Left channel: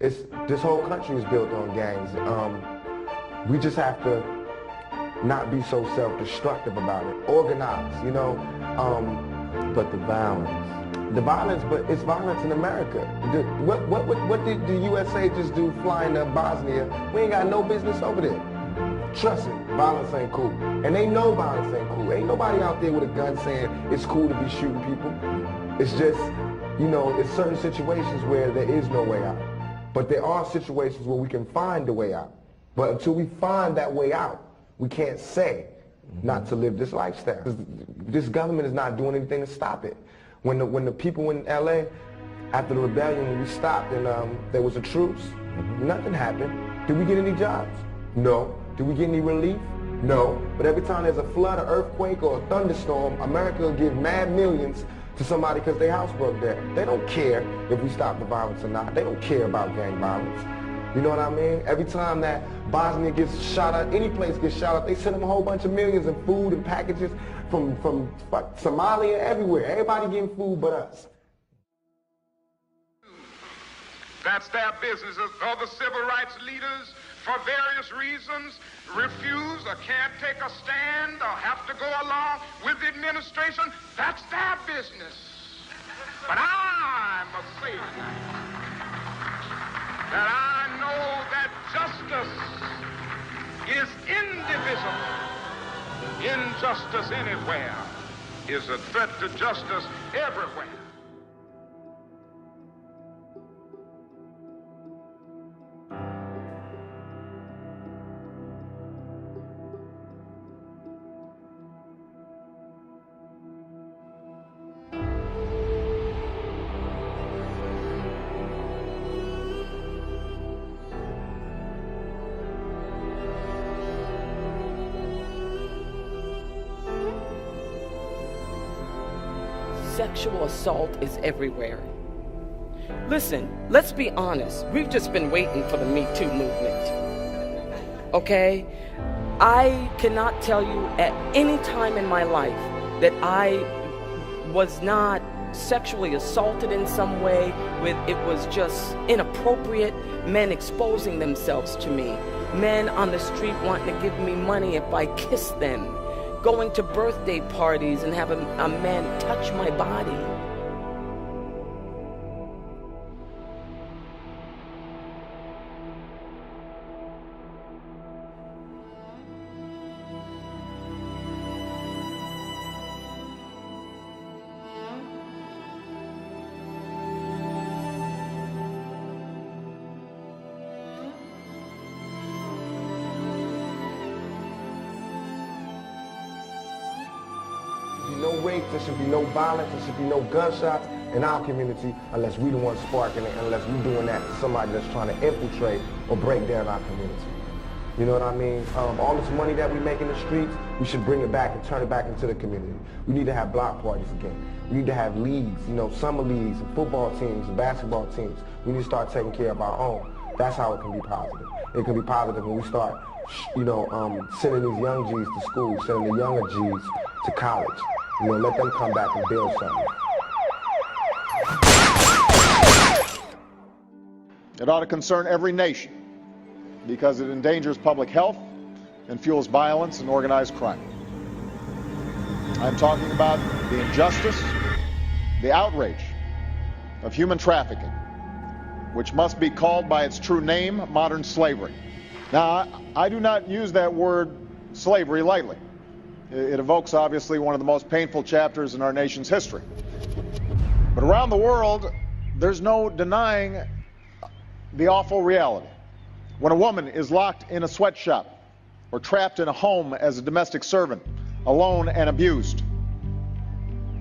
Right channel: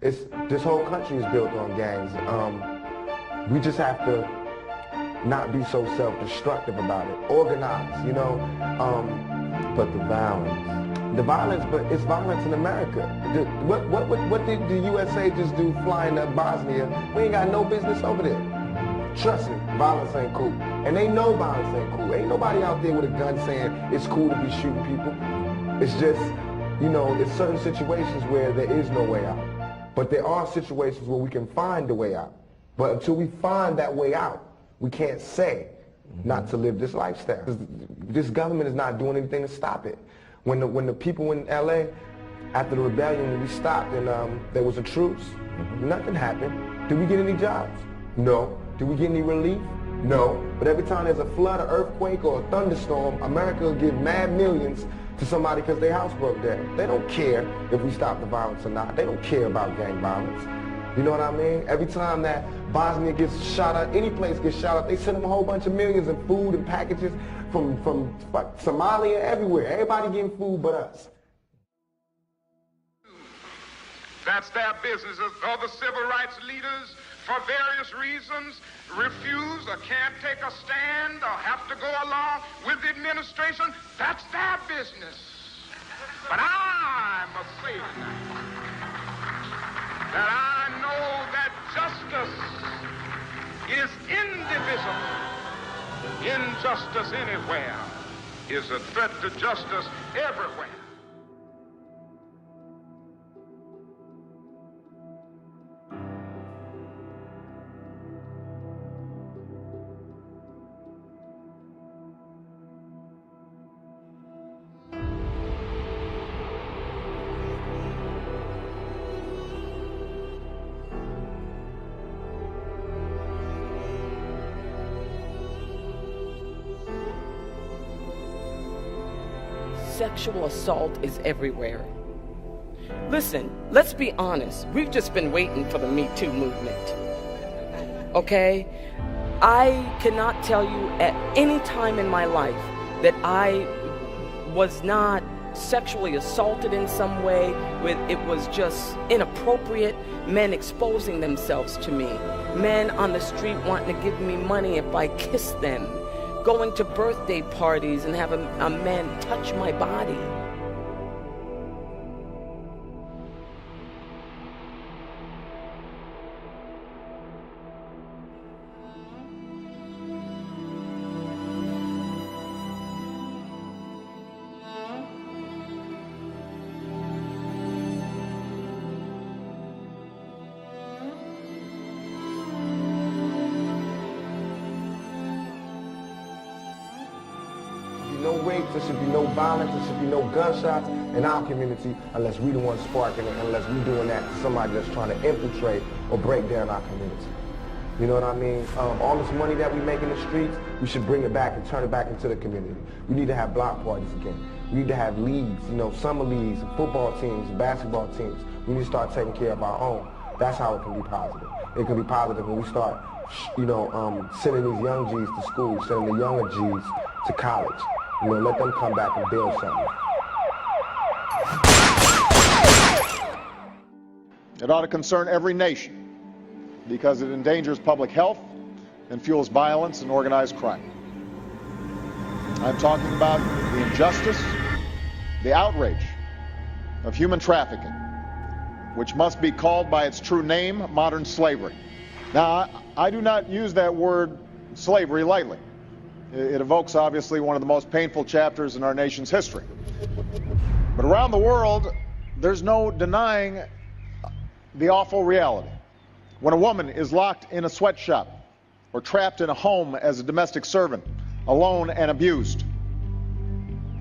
This whole country is built on gangs. We just have to not be so self-destructive about it. Organize, you know. But the violence, but it's violence in America. What did the USA just do flying to Bosnia? We ain't got no business over there. Trust me, violence ain't cool. And they know violence ain't cool. Ain't nobody out there with a gun saying it's cool to be shooting people. It's just, you know, it's certain situations where there is no way out. But there are situations where we can find a way out. But until we find that way out, we can't say not to live this lifestyle. This government is not doing anything to stop it. When the people in LA, after the rebellion, when we stopped and there was a truce, nothing happened. Did we get any jobs? No. Did we get any relief? No. But every time there's a flood, an earthquake, or a thunderstorm, America will give mad millions to somebody because their house broke down. They don't care if we stop the violence or not. They don't care about gang violence. You know what I mean? Every time that Bosnia gets shot up, any place gets shot up, they send them a whole bunch of millions of food and packages from Somalia, everywhere. Everybody getting food but us. That's their business. Other civil rights leaders, for various reasons, refuse or can't take a stand or have to go along with the administration. That's their business. But I must say that I know that justice is indivisible. Injustice anywhere is a threat to justice everywhere. Sexual assault is everywhere. Listen, let's be honest. We've just been waiting for the Me Too movement. Okay? I cannot tell you at any time in my life that I was not sexually assaulted in some way, it was just inappropriate, men exposing themselves to me, men on the street wanting to give me money if I kissed them, going to birthday parties and having a man touch my body. No rape, there should be no violence, there should be no gunshots in our community unless we the ones sparking it, unless we're doing that to somebody that's trying to infiltrate or break down our community. You know what I mean? All this money that we make in the streets, we should bring it back and turn it back into the community. We need to have block parties again. We need to have leagues, you know, summer leagues, football teams, basketball teams. We need to start taking care of our own. That's how it can be positive. It can be positive when we start, you know, sending these young G's to school, sending the younger G's to college. You know, let them come back and build something. It ought to concern every nation because it endangers public health and fuels violence and organized crime. I'm talking about the injustice, the outrage of human trafficking, which must be called by its true name, modern slavery. Now, I do not use that word slavery lightly. It evokes, obviously, one of the most painful chapters in our nation's history. But around the world, there's no denying the awful reality. When a woman is locked in a sweatshop or trapped in a home as a domestic servant, alone and abused,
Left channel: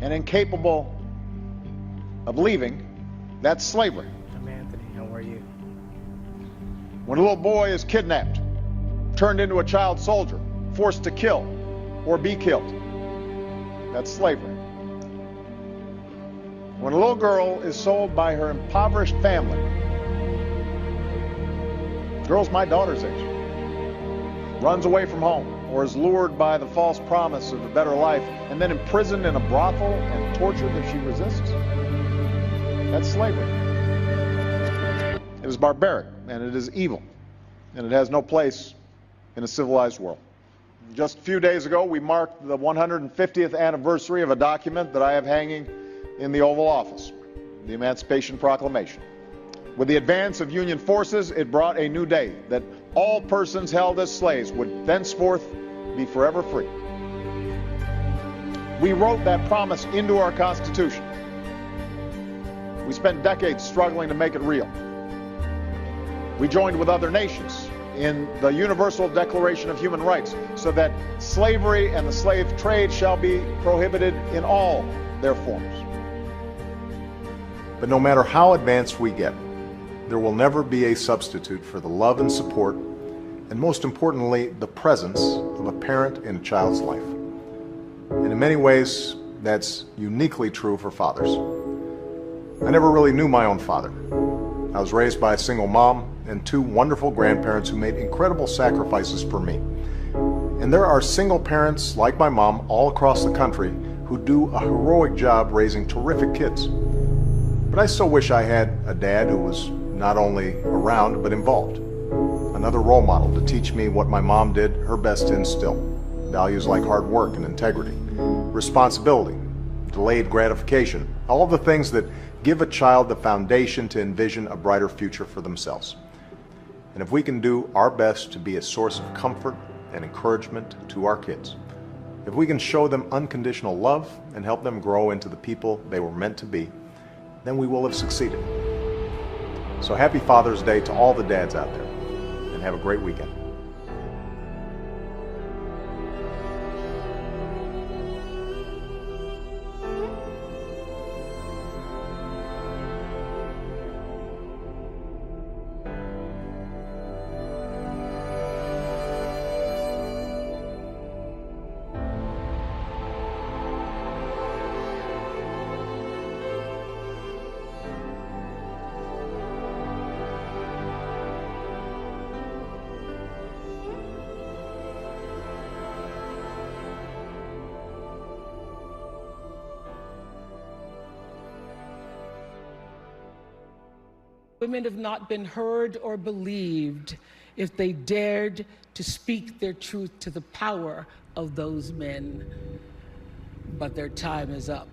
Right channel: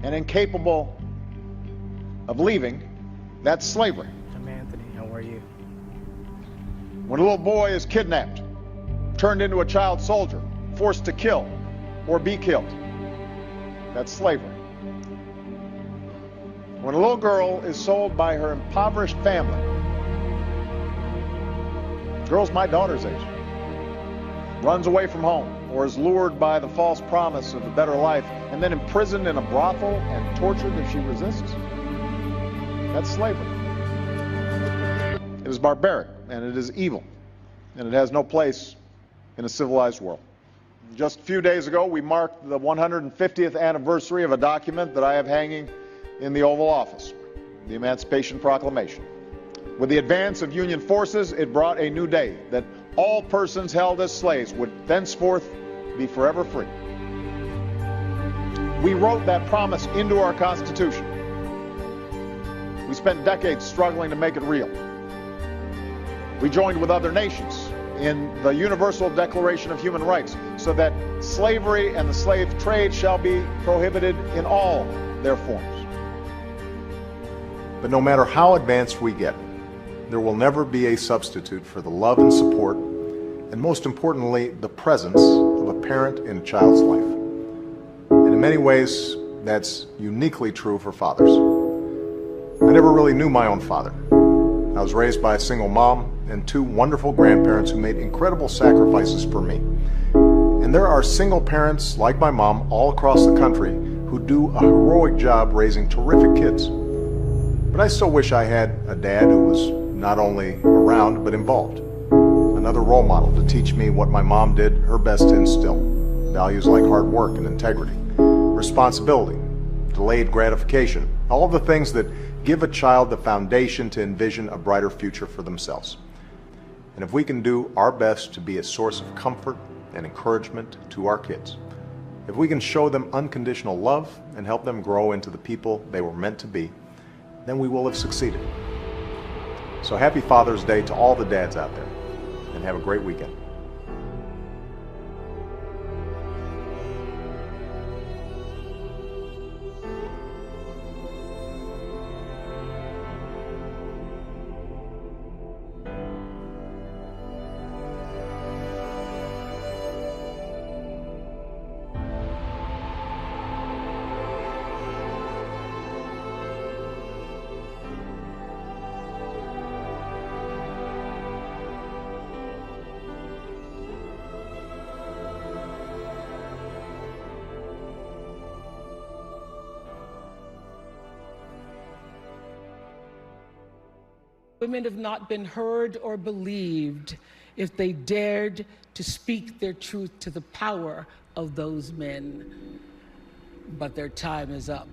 and incapable of leaving, that's slavery. I'm Anthony. How are you? When a little boy is kidnapped, turned into a child soldier, forced to kill, or be killed, that's slavery. When a little girl is sold by her impoverished family, girls my daughter's age, runs away from home, or is lured by the false promise of a better life, and then imprisoned in a brothel and tortured if she resists, that's slavery. It is barbaric, and it is evil, and it has no place in a civilized world. Just a few days ago, we marked the 150th anniversary of a document that I have hanging in the Oval Office, the Emancipation Proclamation. With the advance of Union forces, it brought a new day, that all persons held as slaves would thenceforth be forever free. We wrote that promise into our Constitution. We spent decades struggling to make it real. We joined with other nations in the Universal Declaration of Human Rights so that slavery and the slave trade shall be prohibited in all their forms. But no matter how advanced we get, there will never be a substitute for the love and support, and most importantly, the presence of a parent in a child's life. And in many ways, that's uniquely true for fathers. I never really knew my own father. I was raised by a single mom and two wonderful grandparents who made incredible sacrifices for me. And there are single parents like my mom all across the country who do a heroic job raising terrific kids. But I still wish I had a dad who was not only around but involved. Another role model to teach me what my mom did her best to instill. Values like hard work and integrity, responsibility, delayed gratification, all of the things that give a child the foundation to envision a brighter future for themselves. And if we can do our best to be a source of comfort and encouragement to our kids, if we can show them unconditional love and help them grow into the people they were meant to be, then we will have succeeded. So happy Father's Day to all the dads out there, and have a great weekend. Women have not been heard or believed if they dared to speak their truth to the power of those men. But their time is up.